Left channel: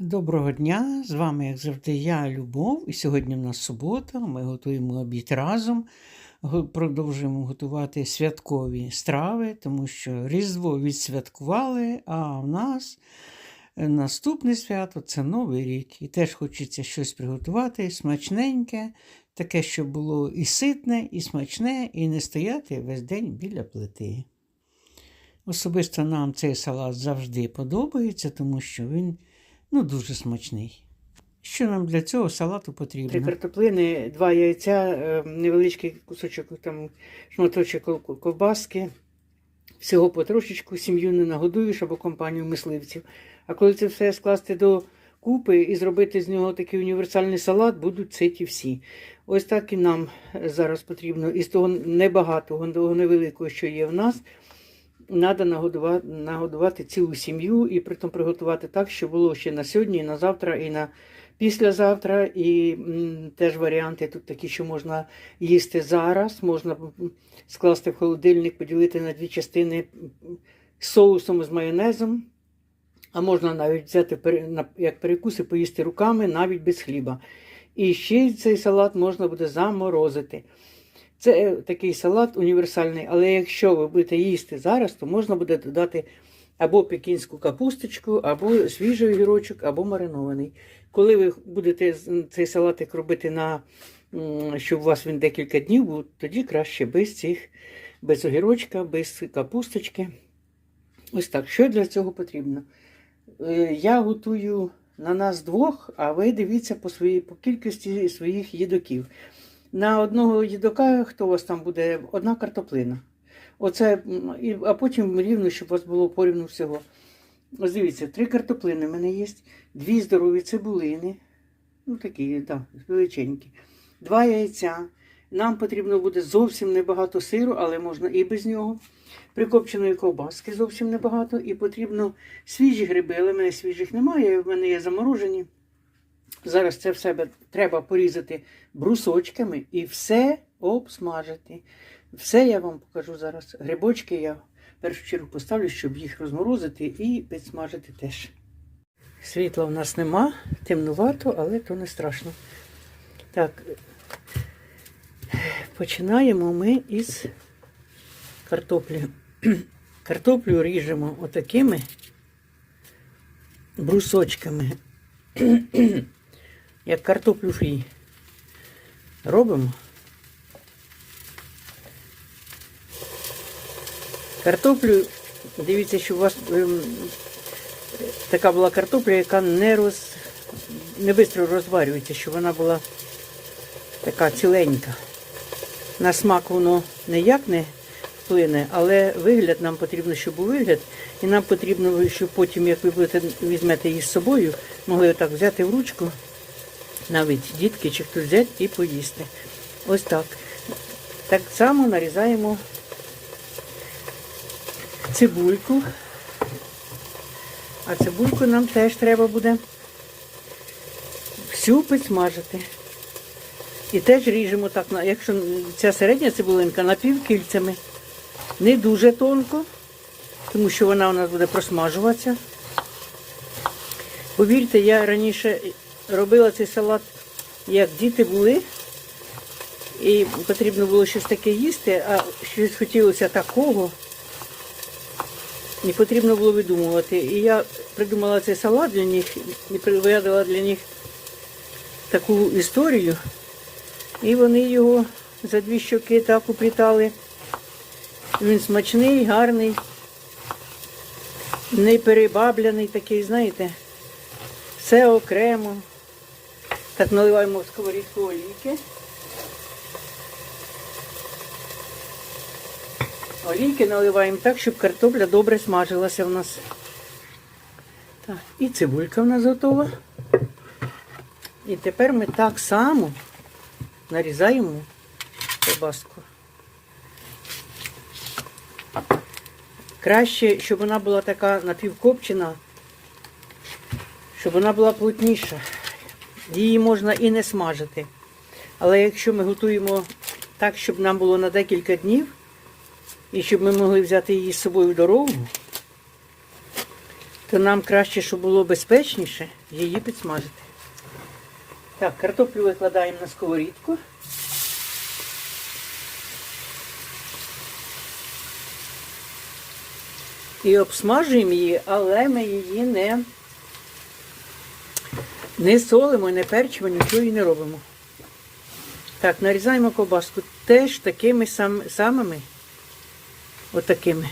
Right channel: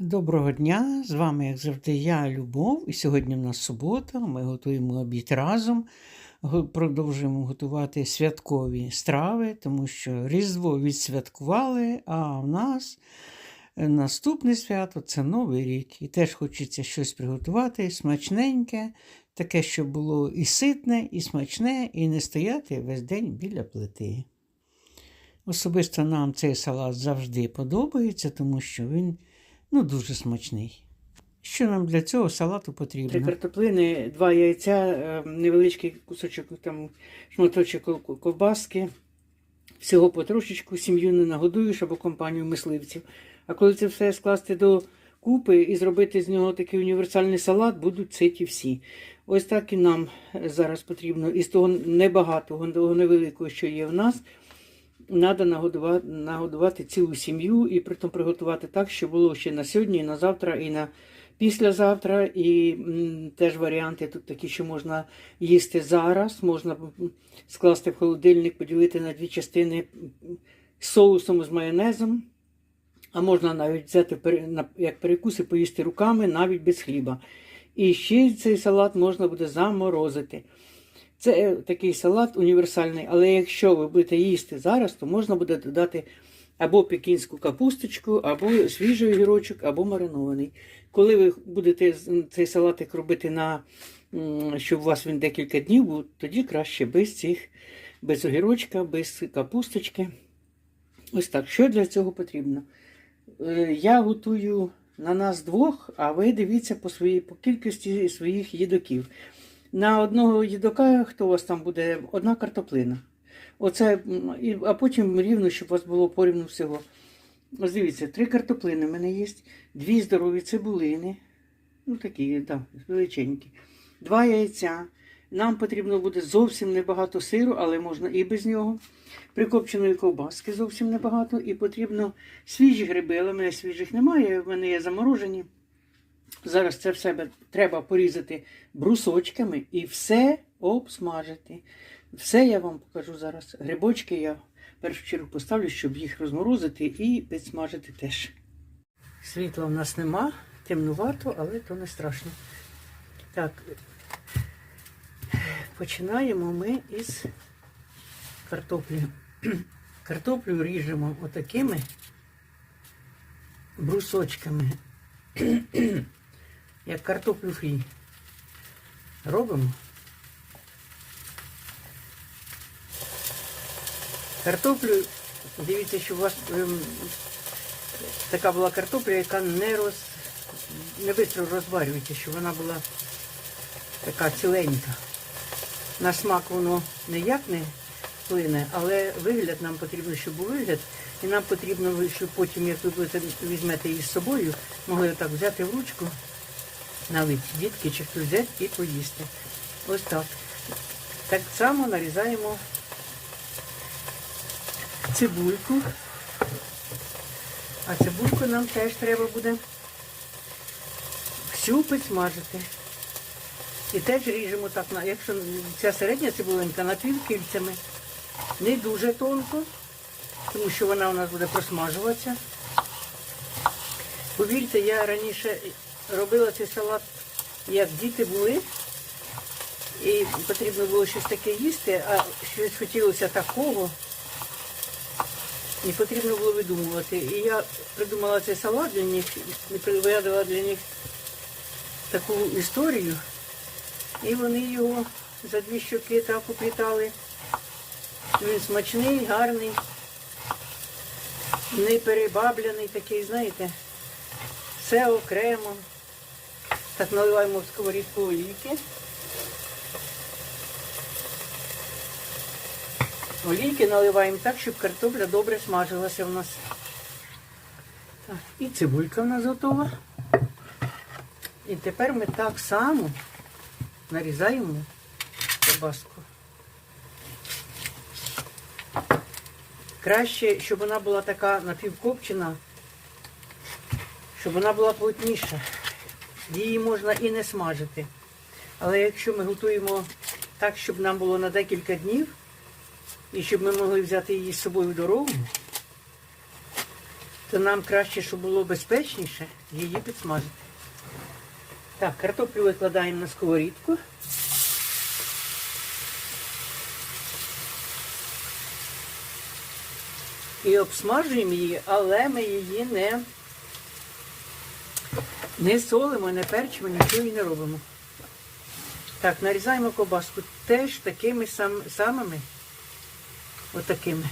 Доброго дня! З вами, як завжди, я Любов. І сьогодні в нас субота. Ми готуємо обід разом. Продовжуємо готувати святкові страви, тому що Різдво відсвяткували, а в нас е, наступне свято це Новий рік. І теж хочеться щось приготувати смачненьке, таке, щоб було і ситне, і смачне, і не стояти весь день біля плити. Особисто нам цей салат завжди подобається, тому що він ну, дуже смачний. Що нам для цього салату Три потрібно? картоплини, два яйця, е, невеличкий кусочок там шматочок ковбаски. Всього потрошечку сім'ю не нагодуєш або компанію мисливців. А коли це все скласти до купи і зробити з нього такий універсальний салат, будуть ситі всі. Ось так і нам зараз потрібно. Із того небагатого, того невеликого, що є в нас, треба нагодувати, нагодувати цілу сім'ю і притом приготувати так, щоб було ще на сьогодні, і на завтра, і на післязавтра. І м, теж варіанти тут такі, що можна їсти зараз, можна скласти в холодильник, поділити на дві частини соусом з майонезом. А можна навіть взяти як перекус і поїсти руками, навіть без хліба. І ще цей салат можна буде заморозити. Це е, такий салат універсальний, але якщо ви будете їсти зараз, то можна буде додати або пекінську капусточку, або свіжий огірочок, або маринований. Коли ви будете цей салатик робити на щоб у вас він декілька днів був, тоді краще без цих, без огірочка, без капусточки. Ось так. Що для цього потрібно? Е, Я готую на нас двох, а ви дивіться по, своїй, по кількості своїх їдоків. На одного їдока, хто у вас там буде, одна картоплина. Оце, а потім рівно, щоб у вас було порівну всього. Ось дивіться, три картоплини в мене є, дві здорові цибулини, ну такі, так, величенькі, два яйця. Нам потрібно буде зовсім небагато сиру, але можна і без нього. Прикопченої ковбаски зовсім небагато. І потрібно свіжі гриби, але в мене свіжих немає, в мене є заморожені. Зараз це в себе треба порізати брусочками і все обсмажити. Все я вам покажу зараз. Грибочки я в першу чергу поставлю, щоб їх розморозити і підсмажити теж. Світла в нас нема, темнувато, але то не страшно. Так, починаємо ми із картоплі. Картоплю ріжемо отакими брусочками, як картоплю фрі. Робимо. Картоплю, дивіться, що у вас ем, така була картопля, яка не роз, не швидко розварюється, щоб вона була така ціленька. На смак воно ніяк не вплине, але вигляд нам потрібно, щоб був вигляд. І нам потрібно, щоб потім, як ви будете візьмете її з собою, могли отак взяти в ручку, навіть дітки чи хтось взяти і поїсти. Ось так. Так само нарізаємо цибульку. А цибульку нам теж треба буде всю підсмажити. І теж ріжемо так, якщо ця середня цибулинка напівкільцями, не дуже тонко, тому що вона у нас буде просмажуватися. Повірте, я раніше робила цей салат, як діти були, і потрібно було щось таке їсти, а щось хотілося такого. Не потрібно було видумувати. І я придумала цей салат для них, і приведала для них таку історію. І вони його за дві щоки так уплітали. Він смачний, гарний, не перебабляний такий, знаєте, все окремо. Так наливаємо в сковорідку олійки. Олійки наливаємо так, щоб картопля добре смажилася в нас. Так, і цибулька в нас готова. І тепер ми так само нарізаємо ковбаску. Краще, щоб вона була така напівкопчена, щоб вона була плотніша. Її можна і не смажити. Але якщо ми готуємо так, щоб нам було на декілька днів, і щоб ми могли взяти її з собою в дорогу, то нам краще, щоб було безпечніше, її підсмажити. Так, картоплю викладаємо на сковорідку. І обсмажуємо її, але ми її не, не солимо, не перчимо, нічого і не робимо. Так, нарізаємо ковбаску теж такими сам, самими, отакими.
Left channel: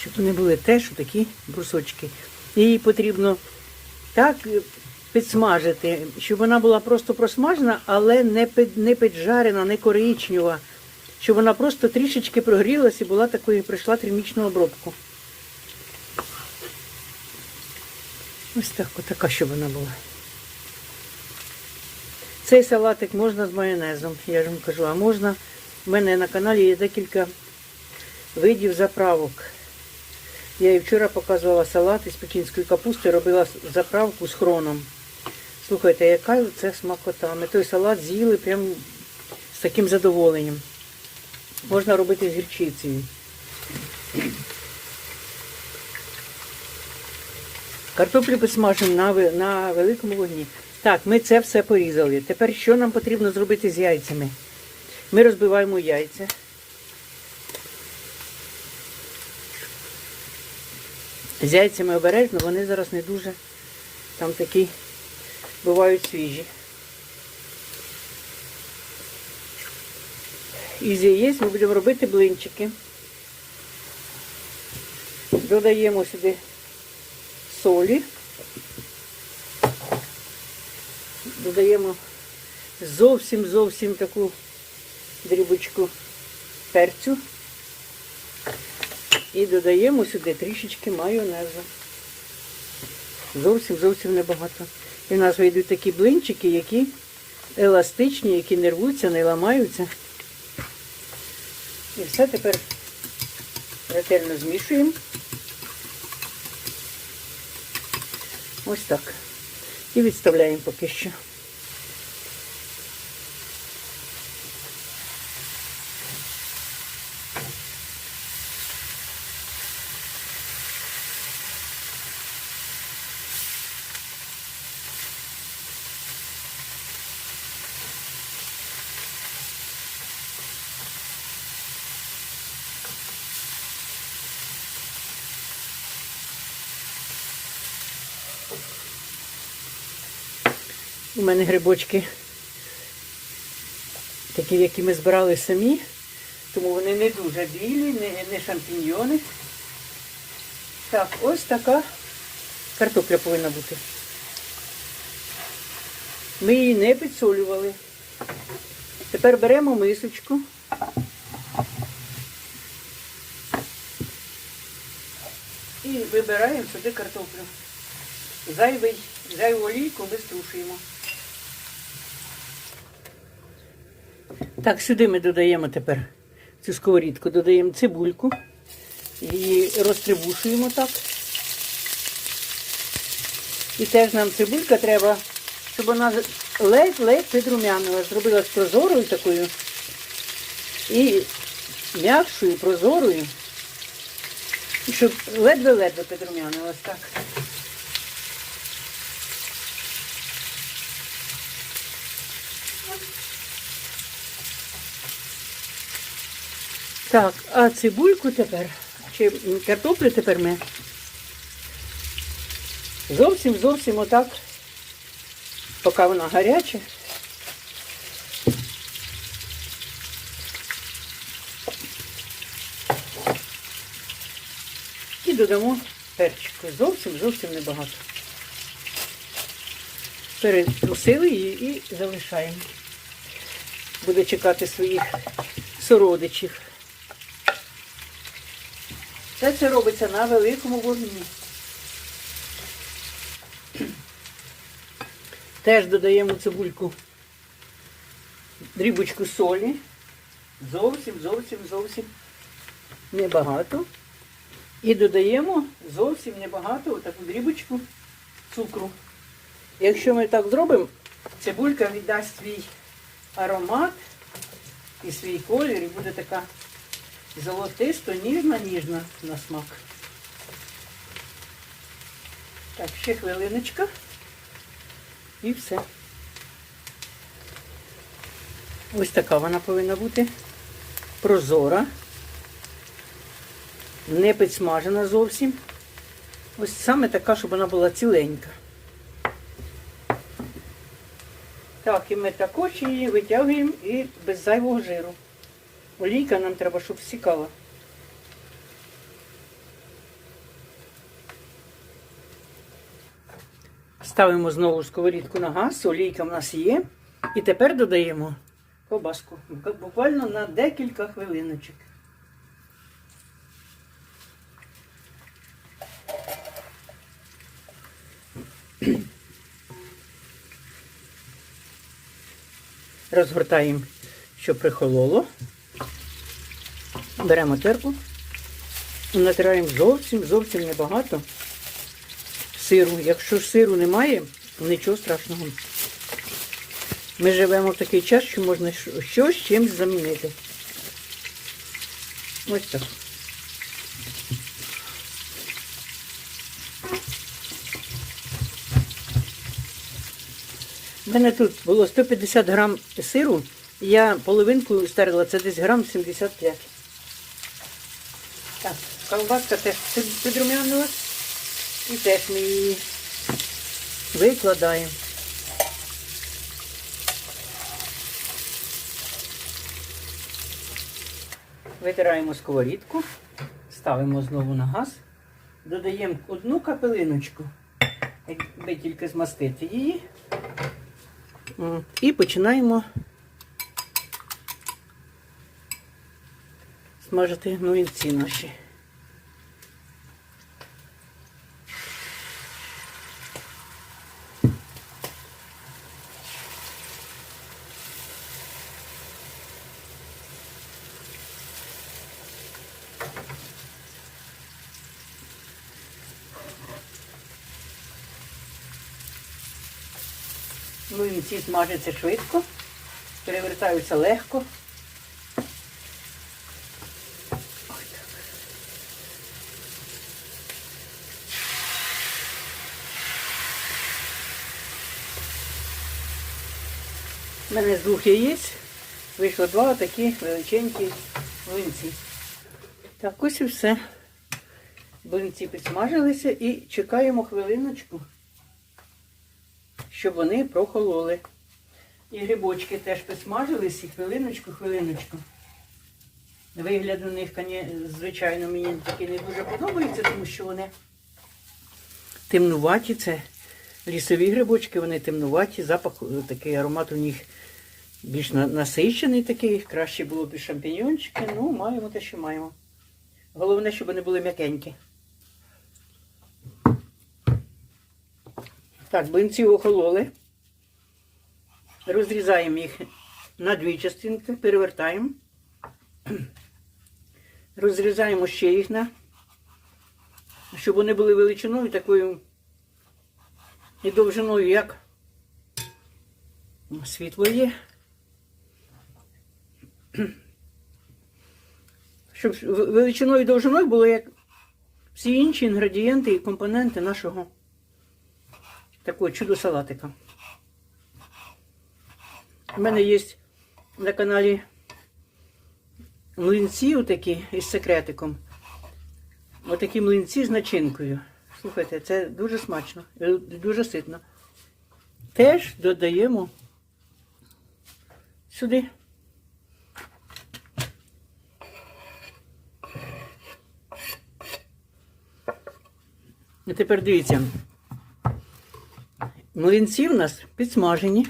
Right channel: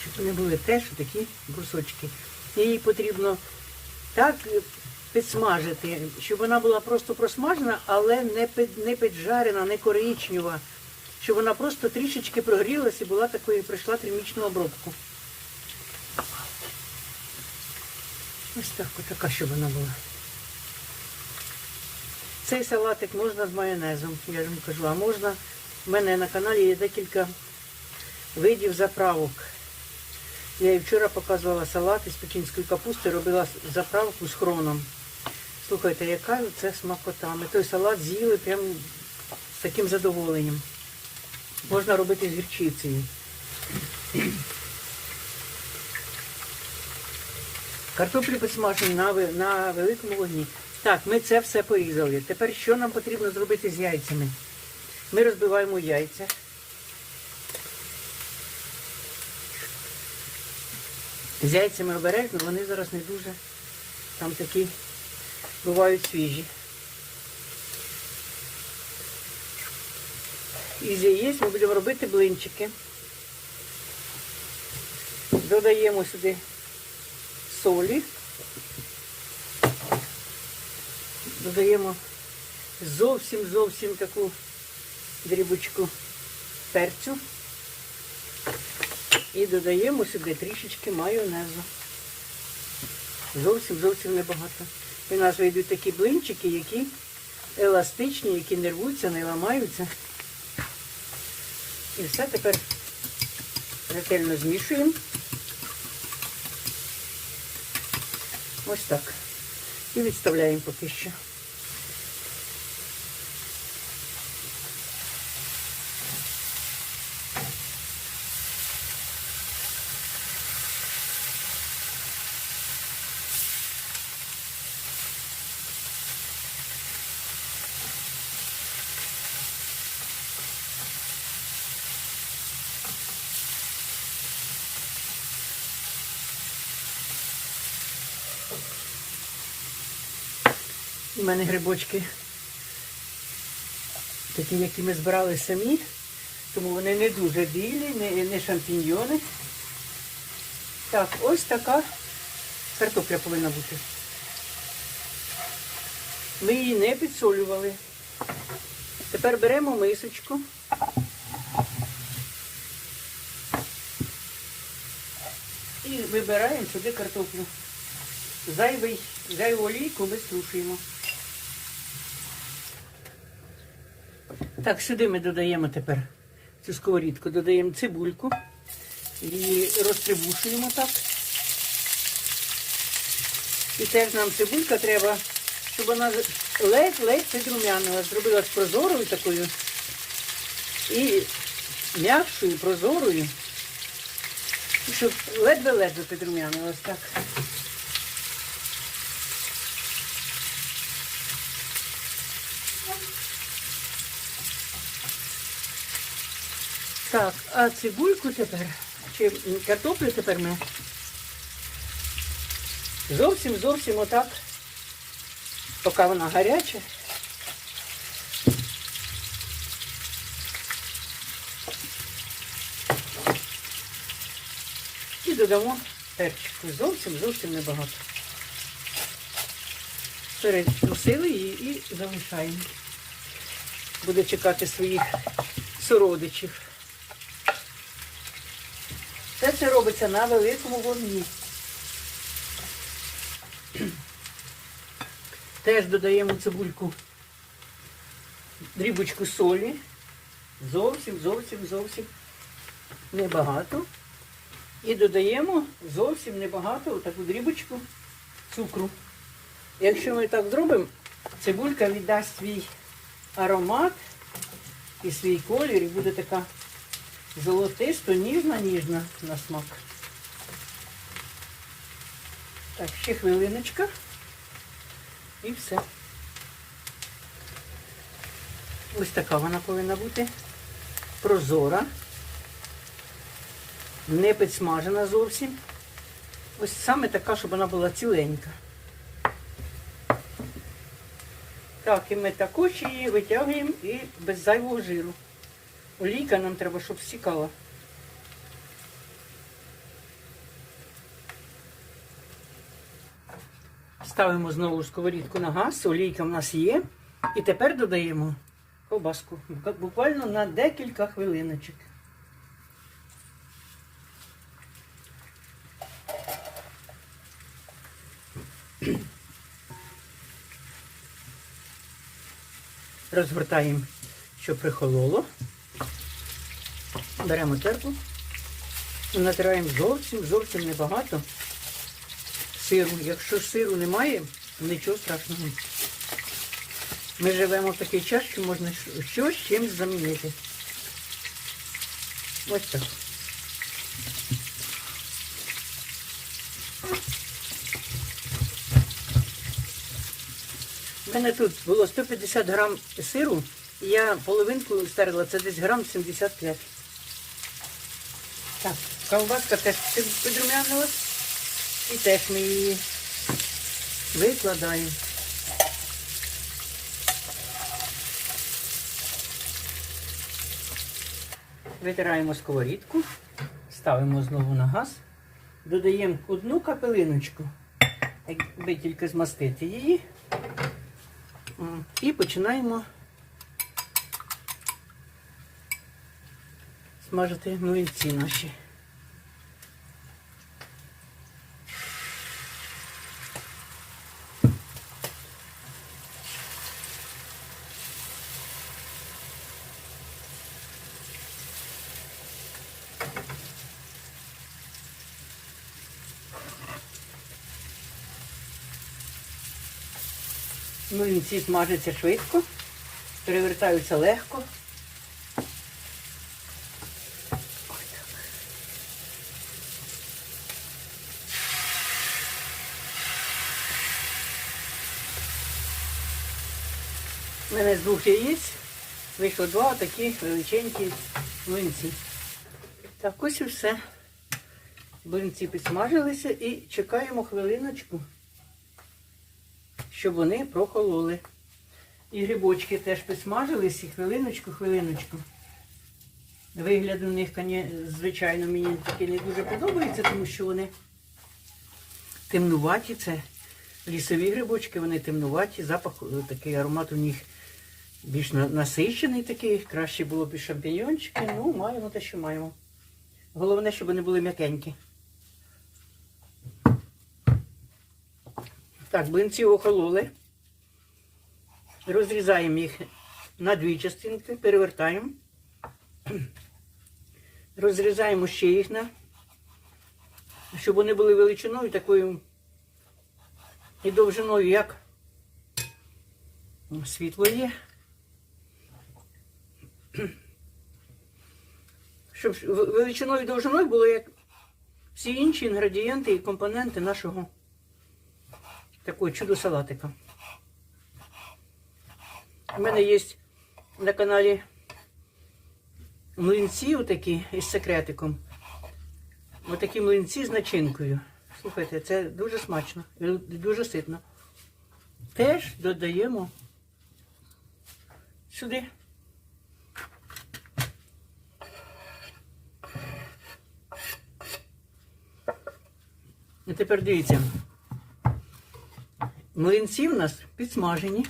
Щоб вони були теж такі брусочки. Її потрібно так підсмажити, щоб вона була просто просмажена, але не, під, не піджарена, не коричнева. Щоб вона просто трішечки прогрілася і була такою, пройшла термічну обробку. Ось так, отака, щоб вона була. Цей салатик можна з майонезом, я ж вам кажу, а можна. У мене на каналі є декілька видів заправок. Я і вчора показувала салат із пекінської капусти, робила заправку з хроном. Слухайте, яка це смакота. Ми той салат з'їли прям з таким задоволенням. Можна робити з гірчицею. Картоплю посмажимо на, великому вогні. Так, ми це все порізали. Тепер що нам потрібно зробити з яйцями? Ми розбиваємо яйця. З яйцями обережно, вони зараз не дуже там такі бувають свіжі. Із яєць ми будемо робити блинчики. Додаємо сюди солі. Додаємо зовсім зовсім таку дрібочку перцю. І додаємо сюди трішечки майонезу. Зовсім зовсім небагато. І в нас вийдуть такі блинчики, які еластичні, які не рвуться, не ламаються. І все тепер ретельно змішуємо. Ось так. І відставляємо поки що. У мене грибочки такі, які ми збирали самі, тому вони не дуже білі, не, не шампіньйони. Так, ось така картопля повинна бути. Ми її не підсолювали. Тепер беремо мисочку. І вибираємо сюди картоплю. Зайвий, зайву олійку ми струшуємо. Так, сюди ми додаємо тепер цю сковорідку, додаємо цибульку, її розтрибушуємо так. І теж нам цибулька треба, щоб вона ледь-ледь підрумянила, зробилась прозорою такою і м'якшою, прозорою, і щоб ледве-ледве підрумянилась так. Так, а цибульку тепер, чи картоплю тепер ми зовсім зовсім отак, поки вона гаряча. І додамо перчику. Зовсім зовсім небагато. Перекусили її і залишаємо. Буде чекати своїх сородичів. Все це робиться на великому вогні. Теж додаємо цибульку, дрібочку солі. Зовсім, зовсім, зовсім небагато. І додаємо зовсім небагато таку дрібочку цукру. Якщо ми так зробимо, цибулька віддасть свій аромат і свій колір, і буде така золотисто, ніжна на смак. Так, ще хвилиночка. І все. Ось така вона повинна бути. Прозора. Не підсмажена зовсім. Ось саме така, щоб вона була ціленька. Так, і ми також її витягуємо і без зайвого жиру. Олійка нам треба, щоб стікала. Ставимо знову сковорідку на газ, олійка в нас є. І тепер додаємо ковбаску. Буквально на декілька хвилиночок. Розгортаємо, щоб прихололо. Беремо терку і натираємо зовсім, зовсім небагато сиру. Якщо сиру немає, нічого страшного. Ми живемо в такий час, що можна щось чимось замінити. Ось так. У мене тут було 150 грам сиру, я половинку стерла, це десь грам 75. Так, колбаска теж під- підрумянилась. І теж ми її викладаємо. Витираємо сковорідку, ставимо знову на газ, додаємо одну капелиночку, якби тільки змастити її. І починаємо смажити млинці наші. Млинці смажаться швидко, перевертаються легко. У мене яєць вийшло два такі величенькі млинці. Так, ось і все. Млинці підсмажилися і чекаємо хвилиночку щоб вони прохололи. І грибочки теж підсмажились, і хвилиночку, хвилиночку. Вигляд у них, звичайно, мені таки не дуже подобається, тому що вони темнуваті. Це лісові грибочки, вони темнуваті, запах е, такий аромат у них більш на- насичений такий. Краще було б і шампіньончики. Ну, маємо те, що маємо. Головне, щоб вони були м'якенькі. Так, блинці охололи. Розрізаємо їх на дві частинки, перевертаємо. Розрізаємо ще їх на, щоб вони були величиною такою і довжиною, як світло є. Щоб величиною і довжиною було як всі інші інгредієнти і компоненти нашого такого чудо салатика. У мене є на каналі млинці отакі із секретиком. Отакі млинці з начинкою. Слухайте, це дуже смачно, і дуже ситно. Теж додаємо сюди. І тепер дивіться. Млинці в нас підсмажені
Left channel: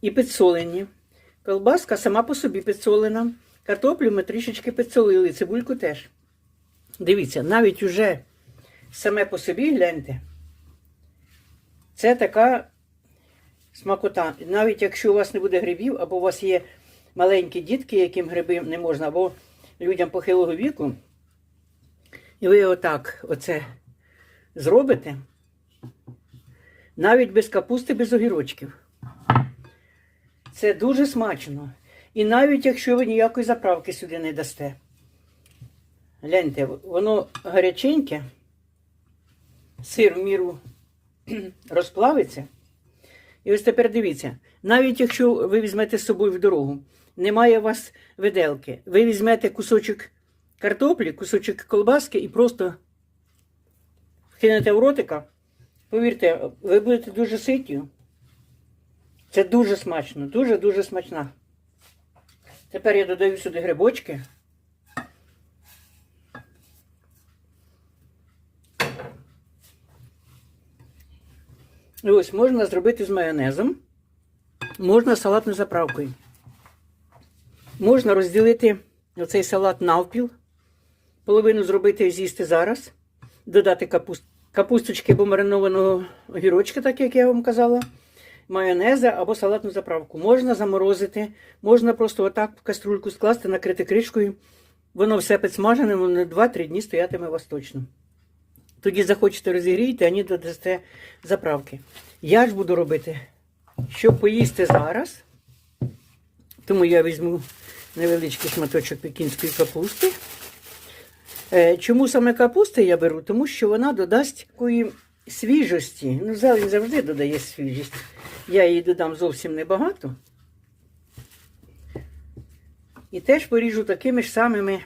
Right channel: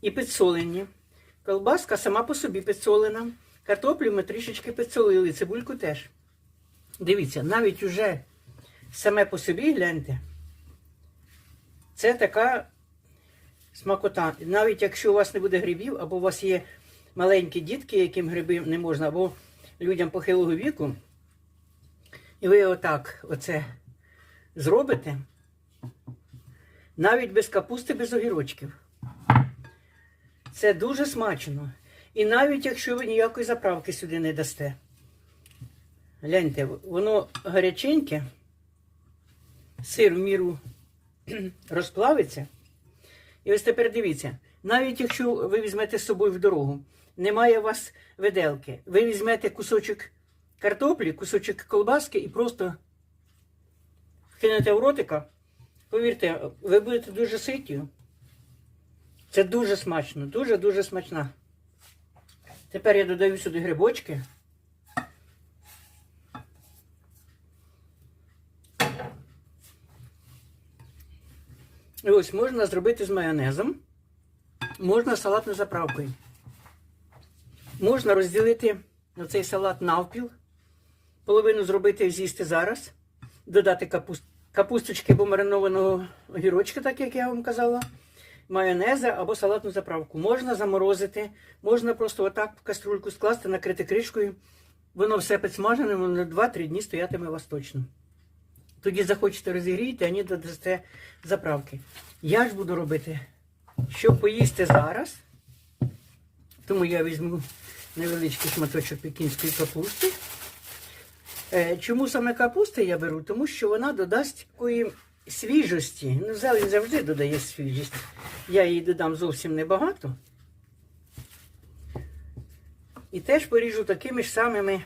і підсолені. Колбаска сама по собі підсолена. Картоплю ми трішечки підсолили, цибульку теж. Дивіться, навіть уже саме по собі гляньте. Це така смакота. Навіть якщо у вас не буде грибів, або у вас є маленькі дітки, яким гриби не можна, або людям похилого віку, і ви отак, оце зробите, навіть без капусти, без огірочків. Це дуже смачно. І навіть якщо ви ніякої заправки сюди не дасте. Гляньте, воно гаряченьке, сир в міру розплавиться. І ось тепер дивіться, навіть якщо ви візьмете з собою в дорогу, немає у вас виделки, ви візьмете кусочок картоплі, кусочок колбаски і просто кинете в ротика, повірте, ви будете дуже ситі. Це дуже смачно, дуже-дуже смачна. Тепер я додаю сюди грибочки. І ось можна зробити з майонезом, можна салатною заправкою. Можна розділити оцей салат навпіл, половину зробити і з'їсти зараз, додати капуст... капусточки або маринованого огірочка, так як я вам казала, майонеза або салатну заправку. Можна заморозити, можна просто отак в каструльку скласти, накрити кришкою. Воно все підсмажене, воно 2-3 дні стоятиме у вас точно. Тоді захочете розігріти, а ні додасте заправки. Я ж буду робити, щоб поїсти зараз. Тому я візьму невеличкий шматочок пекінської капусти. Е, Чому саме капусти я беру? Тому що вона додасть такої свіжості. Ну, зелень завжди додає свіжість. Я її додам зовсім небагато. І теж поріжу такими ж самими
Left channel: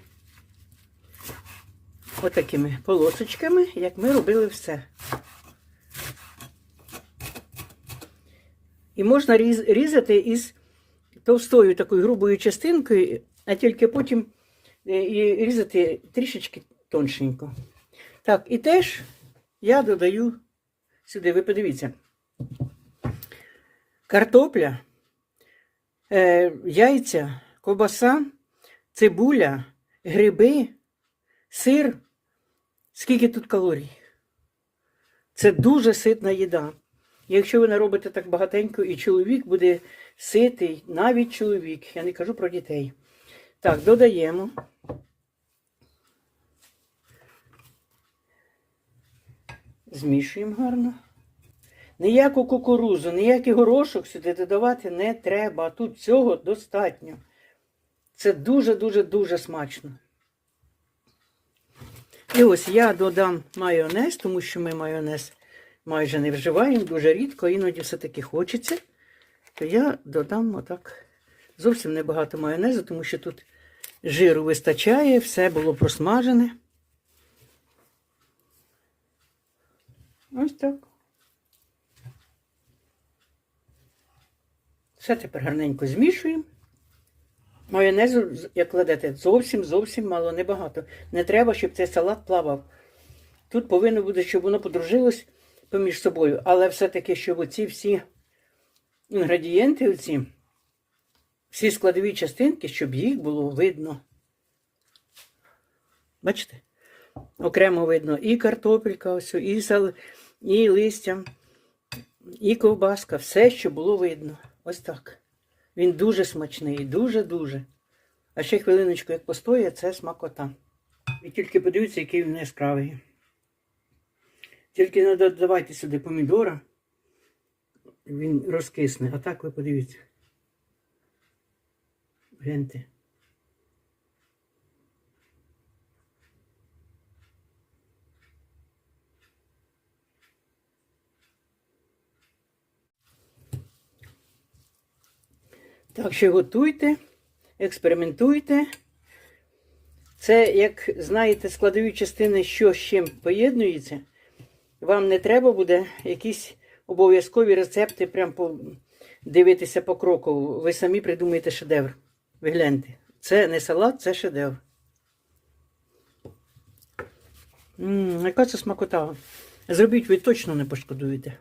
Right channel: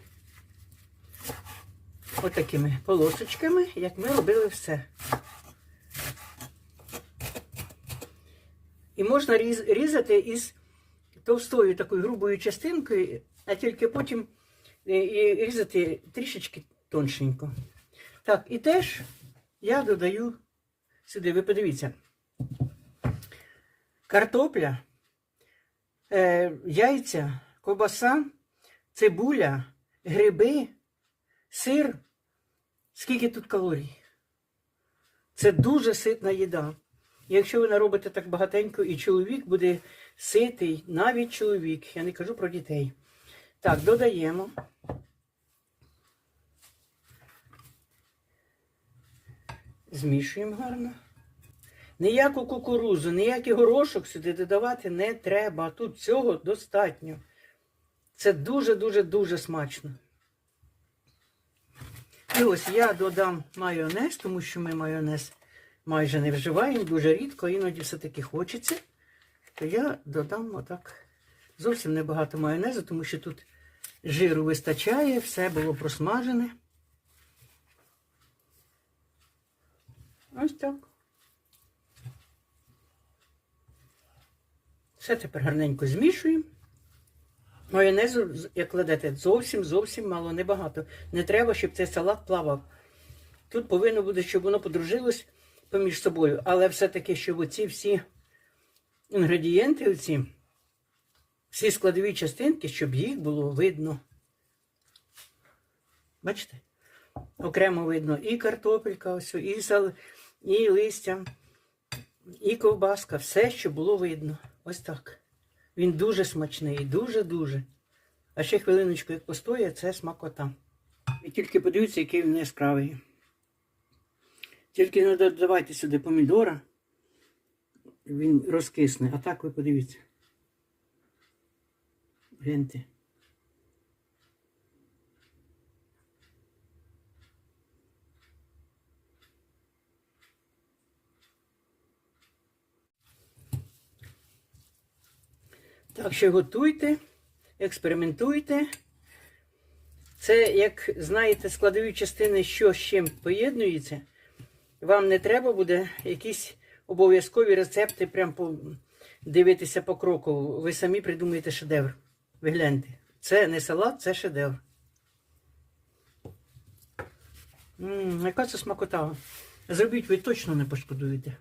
отакими полосочками, як ми робили все. І можна різати із товстою такою грубою частинкою, а тільки потім і різати трішечки тоншенько. Так, і теж я додаю сюди, ви подивіться, картопля, е, яйця, ковбаса, цибуля, гриби, сир. Скільки тут калорій? Це дуже ситна їда. Якщо ви не робите так багатенько, і чоловік буде ситий, навіть чоловік, я не кажу про дітей. Так, додаємо. Змішуємо гарно. Ніяку кукурузу, ніякий горошок сюди додавати не треба. Тут цього достатньо. Це дуже-дуже дуже смачно. І ось я додам майонез, тому що ми майонез майже не вживаємо, дуже рідко, іноді все-таки хочеться. То я додам отак зовсім небагато майонезу, тому що тут жиру вистачає, все було просмажене. Ось так. Все тепер гарненько змішуємо. Майонезу, як кладете, зовсім зовсім мало, небагато. Не треба, щоб цей салат плавав. Тут повинно бути, щоб воно подружилось поміж собою, але все-таки, щоб оці всі інгредієнти, оці, всі складові частинки, щоб їх було видно. Бачите? Окремо видно і картопелька, ось, і, сал, і листя, і ковбаска, все, що було видно. Ось так. Він дуже смачний, дуже-дуже. А ще хвилиночку, як постоє, це смакота. І тільки подивіться, який він яскравий. Тільки не додавайте сюди помідора, він розкисне. А так ви подивіться. Гляньте. Так що готуйте, експериментуйте. Це, як знаєте, складові частини, що з чим поєднується. Вам не треба буде якісь обов'язкові рецепти, прям по, дивитися по кроку. Ви самі придумаєте шедевр. Ви гляньте. Це не салат, це шедевр. М, яка це смакота. Зробіть, ви точно не пошкодуєте.